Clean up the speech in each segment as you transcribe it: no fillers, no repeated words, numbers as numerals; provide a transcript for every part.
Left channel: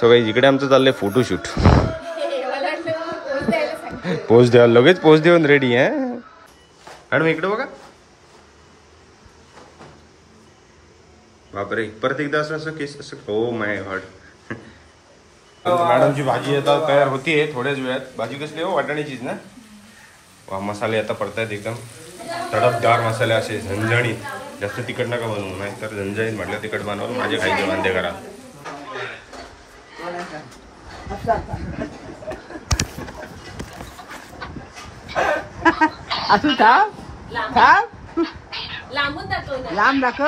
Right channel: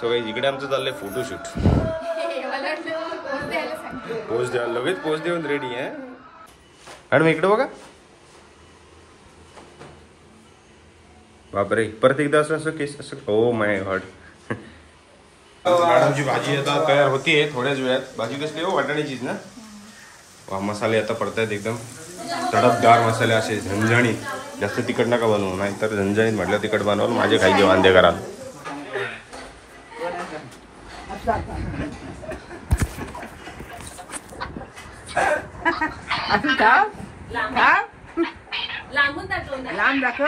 सगळं इकडे आमचं चाललंय फोटोशूट. पोज द्या, लगेच पोज देऊन रेडी आहे. मॅडम इकडे बघा. बापरे, परत एकदा असं असं केस असं. हो माय गॉड. मॅडमची भाजी आता तयार होतीये थोड्याच वेळात. भाजी कसली हो? वाटाण्याचीच ना. वा, मसाले आता पडतायत एकदम तडकदार मसाले, असे झणझणीत. जास्त तिखट नका बनवू, नाही तर झणझणीत म्हटलं तिखट बनवलं माझे खायचे वांदे करा. लांब दाखव.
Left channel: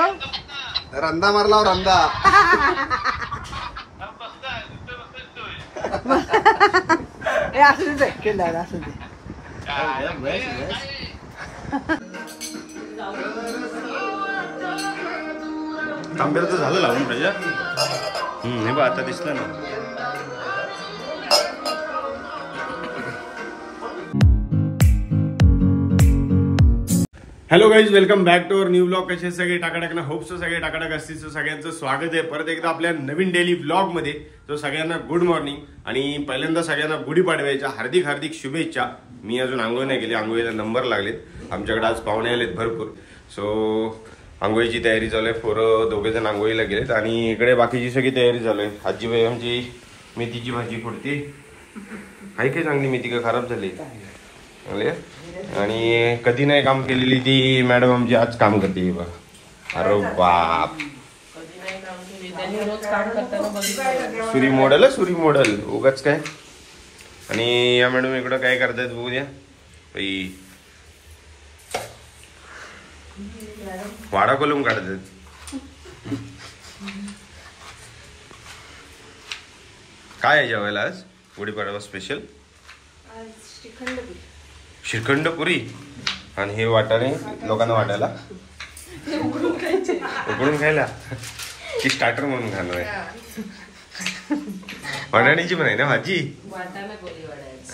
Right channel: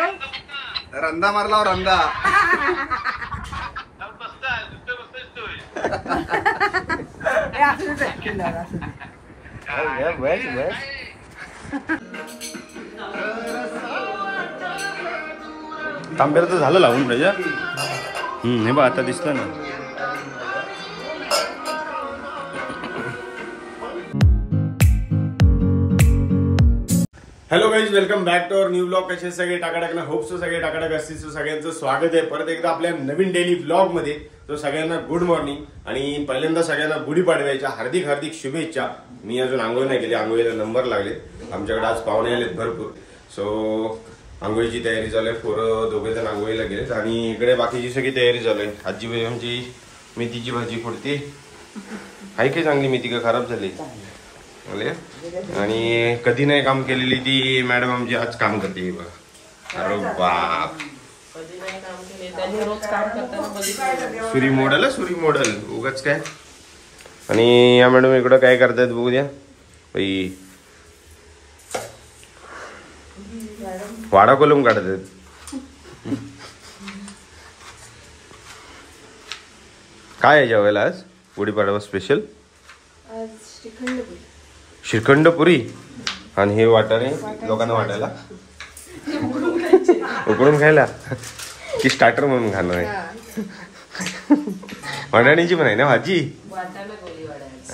रंदा मारला रंदा. तांब्याचं झालं लावून पाहिजे. हे बघ आता दिसलं ना. Hello guys, welcome back to our new blog. कसे सगळे टाकाटाक ना. होप सो सगळे टाकाटाक असतील. सगळ्यांचं स्वागत आहे परत एकदा आपल्या नवीन डेली ब्लॉग मध्ये. तो सगळ्यांना गुड मॉर्निंग आणि पहिल्यांदा सगळ्यांना गुढीपाडव्याच्या हार्दिक हार्दिक शुभेच्छा. मी अजून आंघोळ नाही केली, आंघोळीला नंबर लागलेत. आमच्याकडे आज पाहुणे आलेत भरपूर. सो आंघोळीची तयारी चालू आहे. पोरं दोघे जण आंघोळीला गेलेत आणि इकडे बाकीची सगळी तयारी चालू आहे. आजीबाई आमची मेथीची भाजी फोडते. आहे की चांगली मेथी का खराब झाली? आणि कधी नाही काम केलेली ती मॅडम आमची आज काम करते बघा. अरे बाप, सुरी मॉडेल, सुरी मॉडेल उगाच काय. आणि या मॅडम इकडं काय करतायत बघू द्या. वाडा कोलम काढतात. काय आहे जेवायला आज गुढीपाडवा स्पेशल? श्रीखंड पुरी. आणि हे वाटाणे लोकांना वाटायला उकडून खायला की स्टार्टर म्हणून खाणार आहे? वाटाण्याची पण आहे ना भाजी.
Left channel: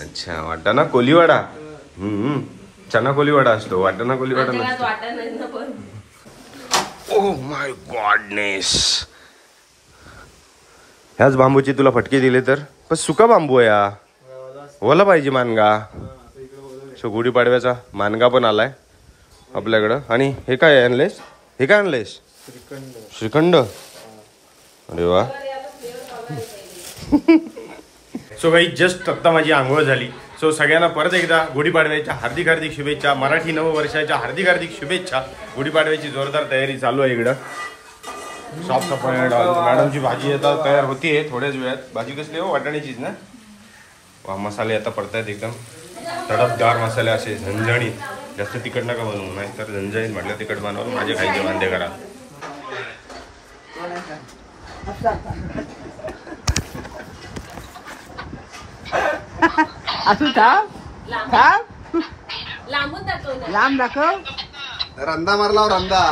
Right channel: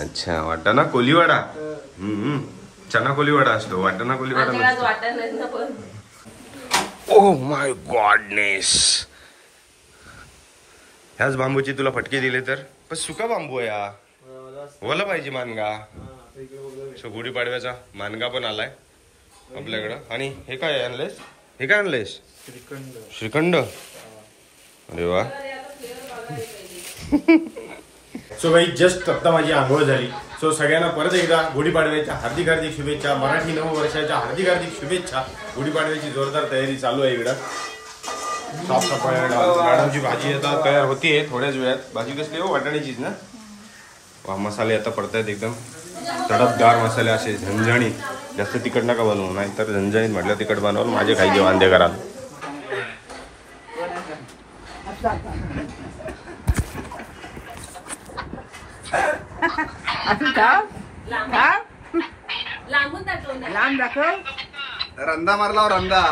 अच्छा, वाटाणा कोलीवाडा. चना कोलीवाडा असतो, वाटाणा कोलीवाडा नसतो. Oh my goodness. ह्याच बांबूची तुला फटके दिले तर पण सुका बांबू आहे हा. ओला पाहिजे मानगा. सो गुढीपाडव्याचा मानगा पण आलाय आपल्याकडं. आणि हे काय आणलेस? हे काय आणलेस? श्रीखंड. अरे वा. सो काही जस्ट आत्ता माझी आंघोळ झाली. सो सगळ्यांना परत एकदा गुढीपाडव्याच्या हार्दिक हार्दिक शुभेच्छा. मराठी नववर्षाच्या हार्दिक हार्दिक शुभेच्छा. गुढीपाडव्याची जोरदार तयारी चालू आहे इकडं. मॅडमची भाजी आता तयार होतीये थोड्याच वेळात. भाजी कसली हो? वाटाण्याचीच ना. वा, मसाले आता पडतायत एकदम तडकदार मसाले, असे झणझणीत. जास्त तिखट नका बनवू, नाही तर झणझणीत म्हटलं तिखट बनवलं माझे खायचे वांदे करा. लांब दाखव. रंदा मारला रंदा.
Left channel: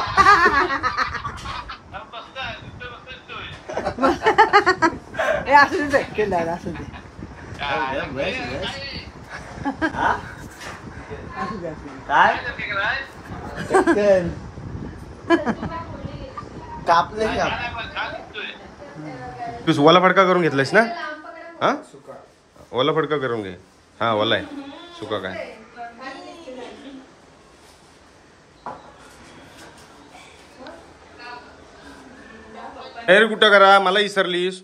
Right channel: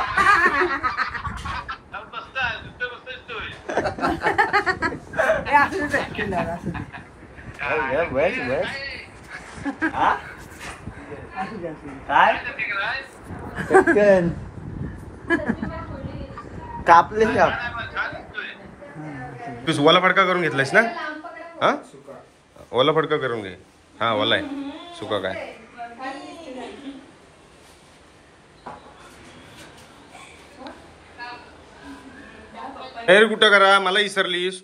काय कापले तू ओला फडका करून घेतलायस ना? हा, ओला फडका करून घे. हा, ओला आहे, सुका काय? तयारी कुठं करा, मला विसरलीस.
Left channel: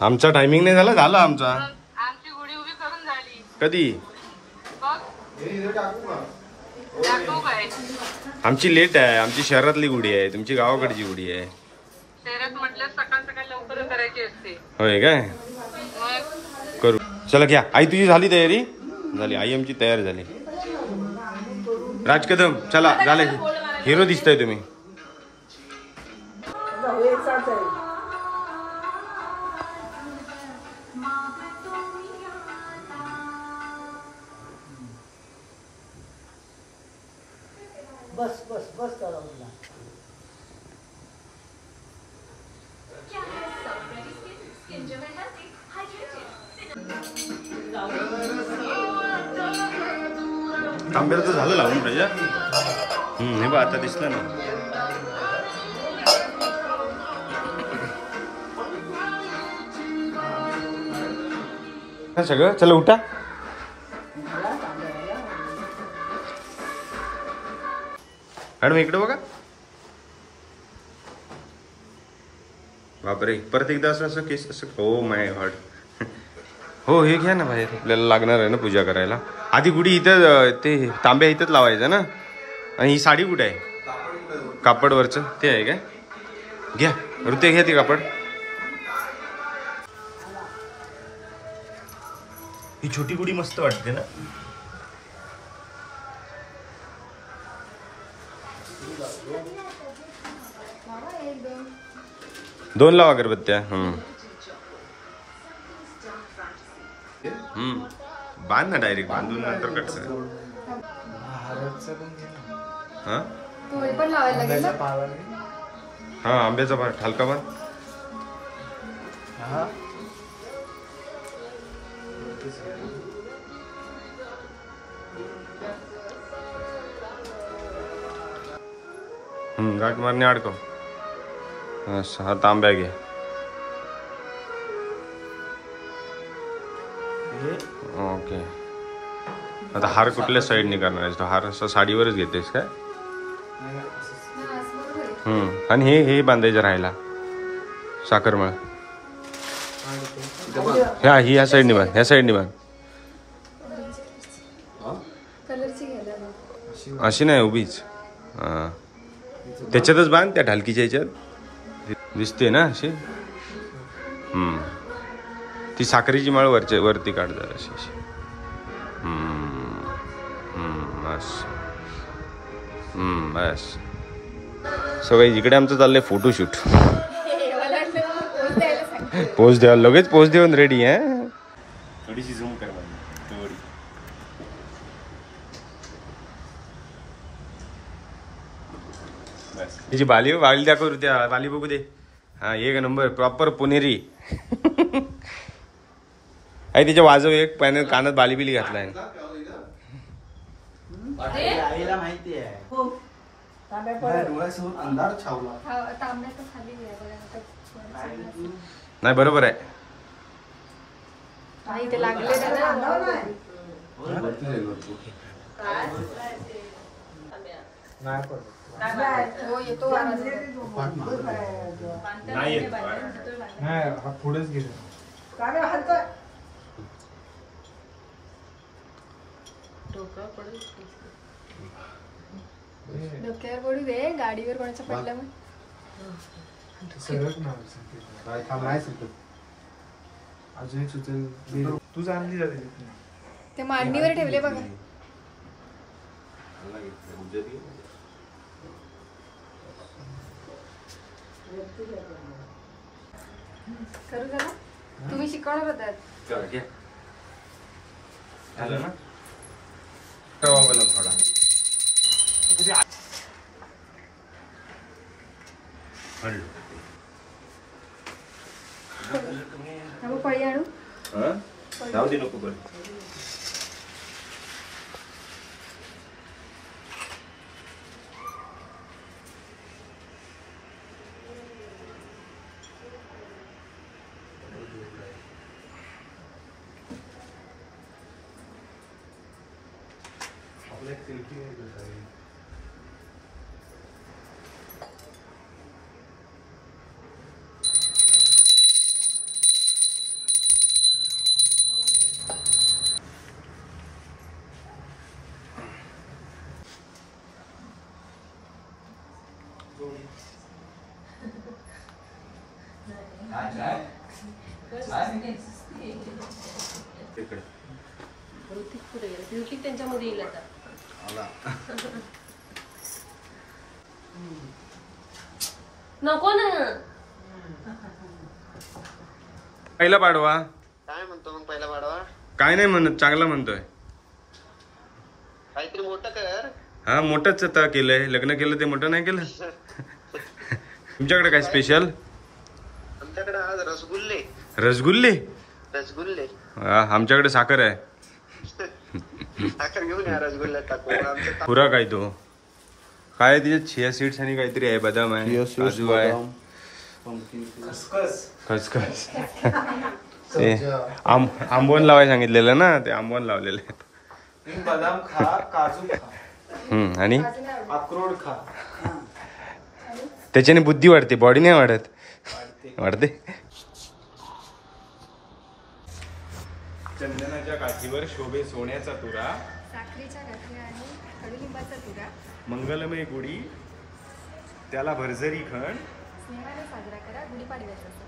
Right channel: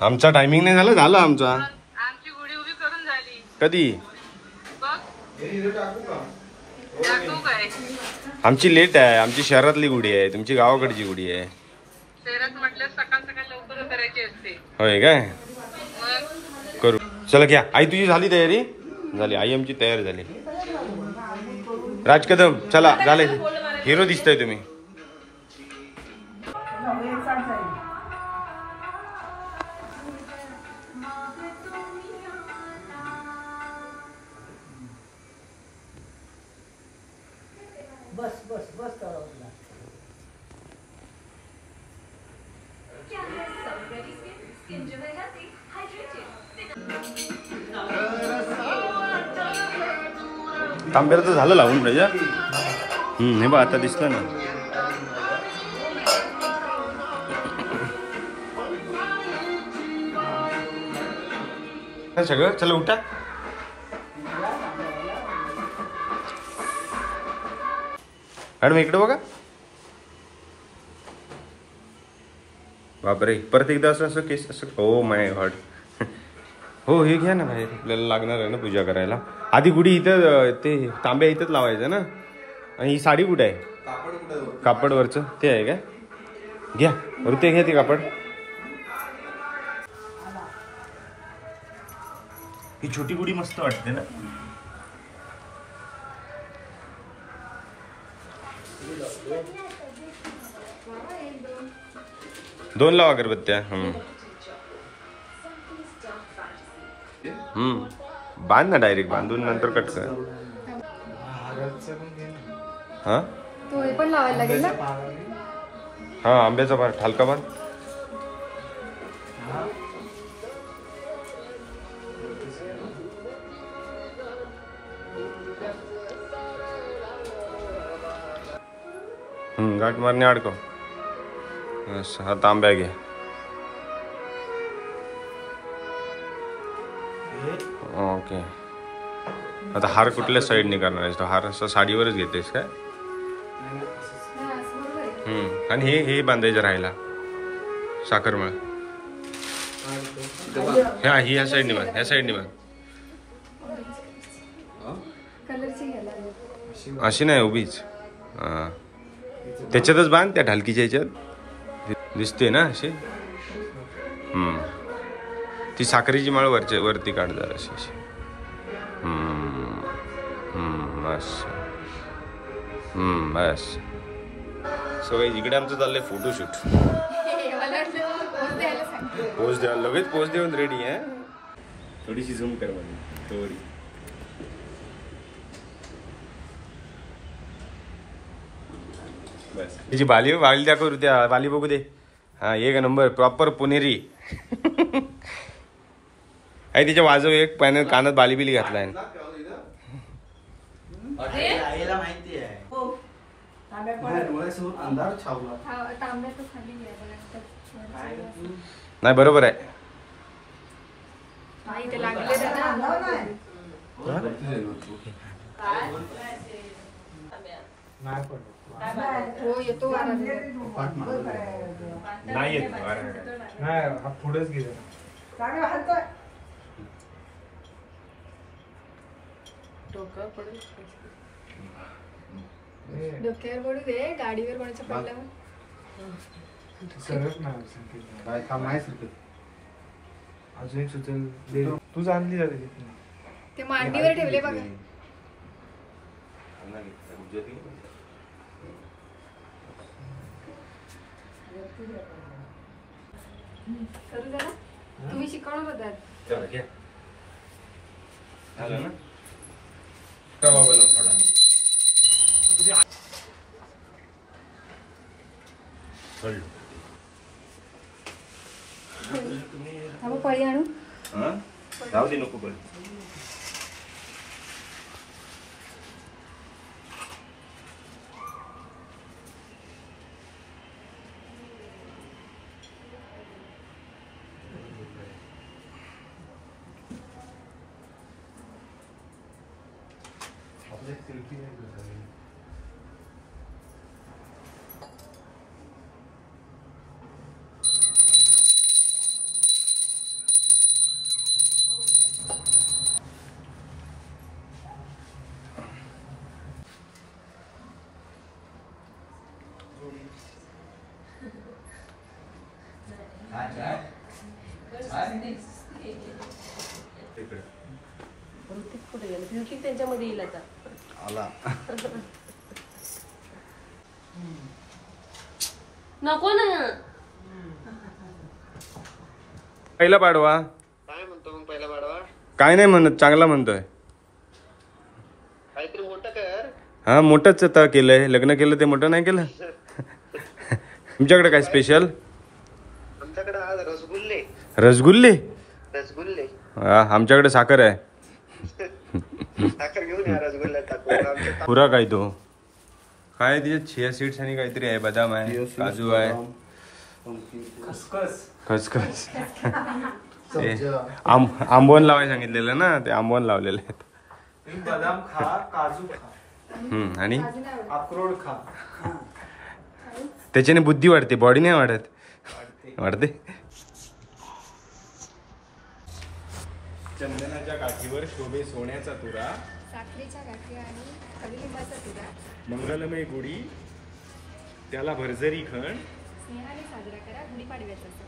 आमचा टायमिंग नाही झाला. झाला आमचा. आमची गुढी उभी करून झाली. कधी? आमची लेट आहे. आमची शहरातली गुढी आहे, तुमची गावाकडची गुढी आहे. शहरात म्हटलं सकाळ सकाळ लवकर करायची असते. होय काय? करू. चला घ्या. आई तुझी झाली तयारी? झाली. आई आमची तयार झाली. राज कदम चला, झाले. हिरो दिसताय तुम्ही. बस बस बस करा. तांब्याचं झालं लावून पाहिजे. हे बघ आता दिसलं ना. सगळं चला उठा. मॅडम इकडे बघा. बापरे परत एकदा असं असं केस असं. हो माय गॉड. हो हे घ्या ना बाहेर आपल्याला लागणार आहे ना पूजा करायला. आधी गुढी इथं ते तांब्या इथंच लावायचं ना. आणि ही साडी कुठे आहे कापडवरचं ते आहे काय. घ्या ऋते घ्या ते कापड. ही छोटी गुढी मस्त वाटते ना. दोन लावा अगरबत्त्या. बांध ना डायरेक्ट बांधून नंतर कट कर. हा हा आंब्याचा बार हलका बांध. गाठ मारणे अडकव. हा तांब्या घे. ओके आता हार कुठल्या साईडने करणार आहेस. तो हार असं साडीवरच घेतेस काय. आणि हे बांधायचं राहिला साखरमळ. ह्या ही ह्या साईडने बांध. ह्या साईडने बांध. अशी नाही उभीच. त्याच्यातच बांध त्या ढालकीच्या ह्याच्यात दिसते ना अशी. ती साखरेची माळ वरती काढ जरा अशी. बस बस. सगळं इकडे आमचं चाललंय फोटोशूट. पोज द्या लगेच पोज देऊन रेडी आहे. थोडीशी झूम कर थोडी. तिची बाली दाखव त्या बाली बघू दे. हा एक नंबर प्रॉपर पुणेरी आहे. तिच्या वाजव एक पॅनल कानात बाली बिली घातलाय. नाही बरोबर आहे. नाही येत पुढेच गेले. डोक्यावर पडू दे. गाडीवर कोणाच्या पडला अजून एक सुचेल तू जाणली ते मांडीवर ठेवले बघा. करू जरा. तुम्ही शिकवणार होतात. तवा बनव थोडा. पळी आणू. जाऊ दे नको पण. त्यांच्यामध्ये येईल आता. नको ना. पहिला पाडवा काय म्हणतो मग पहिला पाडवा. काय नाही म्हणत चांगला म्हणतोय. काहीतरी मोठं कर. हा मोठंच आता केलंय. लग्न केलं ते मोठं नाही केलं. तुमच्याकडे काय स्पेशल. आमच्याकडे आज रसगुल्ले. रसगुल्ले. रसगुल्ले. आमच्याकडे साखर आहे. साखर घेऊन या रसगुल्ला टाकून. पुरा काय तो काय तिच्यात चिया सीड्स आणि काहीतरी आहे. बदाम आहे काजू आहे खसखस. ते आंबवण लावायला सांगितलेलं ना, ते आंबवण लावलेले आहेत. बदाम खा, काजू खा, आणि अक्रोड खा. त्याच्याने बुद्धी वाढते, बॉडी नाही वाढत. वाढते. चंदनाच्या काठीवर शोभे सोन्याचा तुरा, साखरेच्या गाठी आणि कडुलिंबाचा तुरा मंगलमय गुढी त्याला भरजरी खण. स्नेहाने साजरा करा गुढीपाडव्याचा सण.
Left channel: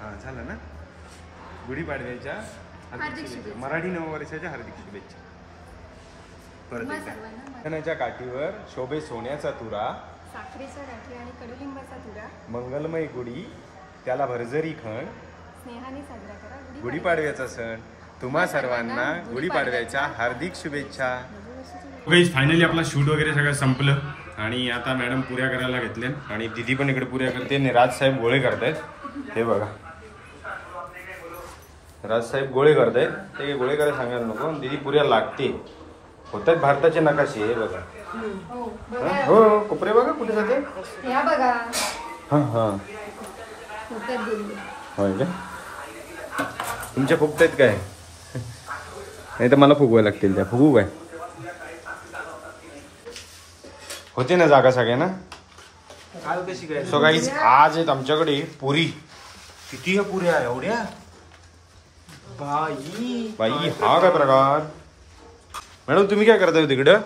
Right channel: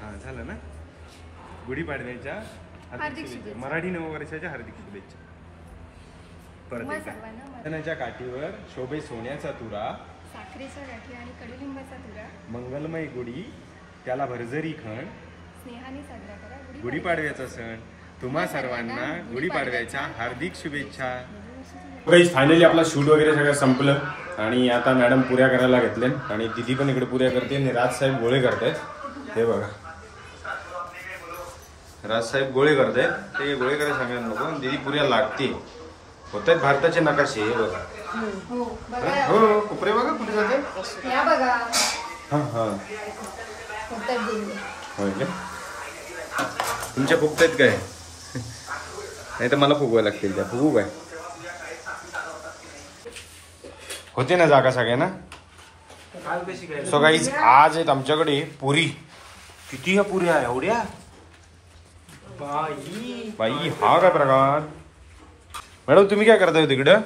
हा झालं ना. गुढीपाडव्याच्या हार्दिक शुभेच्छा. मराठी नववर्षाच्या हार्दिक शुभेच्छा. परत तुम्हा एकदा. सर्वांना चंदनाच्या काठीवर शोभे सोन्याचा तुरा, साखरेच्या गाठी आणि कडुलिंबाचा तुरा मंगलमय गुढी त्याला भरजरी खण. स्नेहाने साजरा करा गुढीपाडव्याचा सण. तुम्हा सर्वांना गुढीपाडव्याच्या हार्दिक शुभेच्छा. गुढीपाडव्याचा. फायनली आपला शूट वगैरे सगळं संपलं आणि आता मॅडम पुऱ्या करायला घेतल्या आणि दिदी पण इकडे पुऱ्या करते आणि राजसाहेब गोळे करतायत. हे बघा, राजसाहेब गोळे करतायत. ते गोळे करायला सांगायला नको, दिदी पुऱ्या लागते. होत आहेत भारताचे नकाशे. हे बघा. हो हो, कोपरे बघा कुठे जाते. या बघा हा होतात गेले. होय का? तुमच्या फुगतायत काय? नाही तर मला फुगवायला लागतील. त्या फुगू काय? होते ना जागा सगळ्यांना. काल कशी काय? सो गाईज आज आहेत आमच्याकडे पुरी. किती ह्या पुऱ्या एवढ्या? बाई हा काय प्रकार. मॅडम तुम्ही काय करताय तिकडं?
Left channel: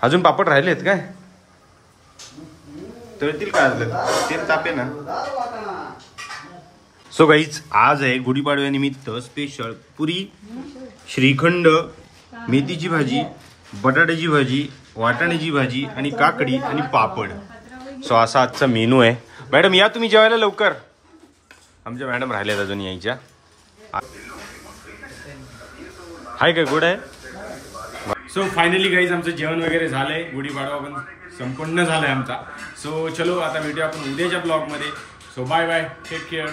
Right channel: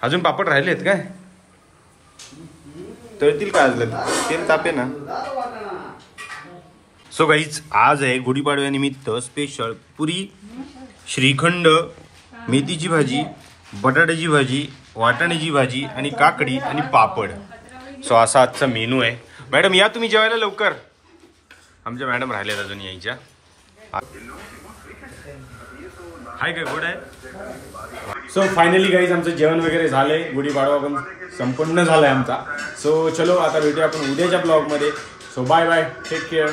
अजून पापड राहिलेत काय? तळतील काय? तेल तापे ना. सो गाईज आज आहे गुढीपाडव्यानिमित्त स्पेशल पुरी, श्रीखंड, मेथीची भाजी, बटाट्याची भाजी, वाटाण्याची भाजी आणि काकडी आणि पापड. सो असा आजचा मेनू आहे. मॅडम या तुम्ही जेवायला लवकर. आमच्या मॅडम राहिल्यात अजून यायच्या. हाय काय गुड आहे. सो फायनली गाईज आमचं जेवण वगैरे झालंय. गुढीपाडवा पण संपन्न झालाय आमचा. सो चलो आता भेटूया आपण उद्याच्या ब्लॉगमध्ये. So bye bye, take care.